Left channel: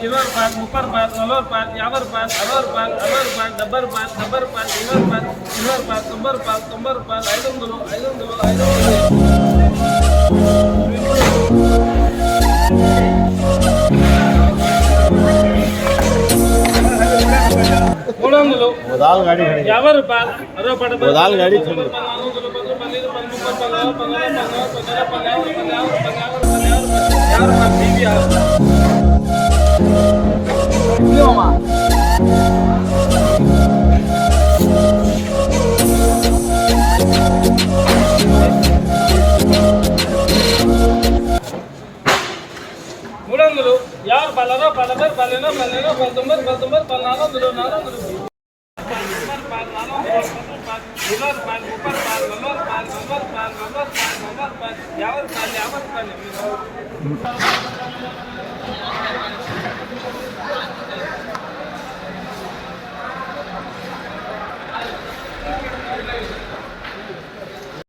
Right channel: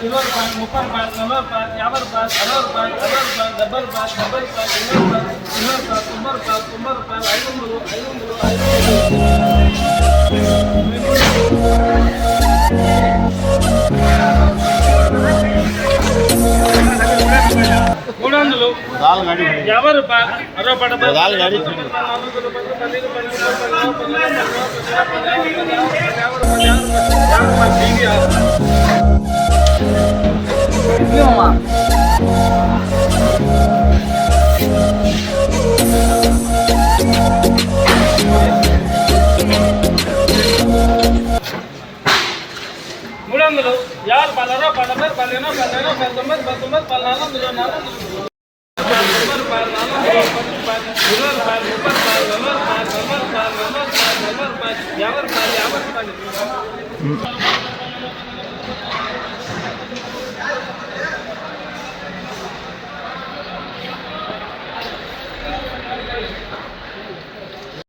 20 రూపాయలు 30 రూపాయలు 40 రూపాయలు 50 రూపాయలు 60 రూపాయలు 70 రూపాయలు 70 రూపాయలు 80 రూపాయలు 20 రూపాయలు 90 రూపాయలు 50 రూపాయలు 50 రూపాయలు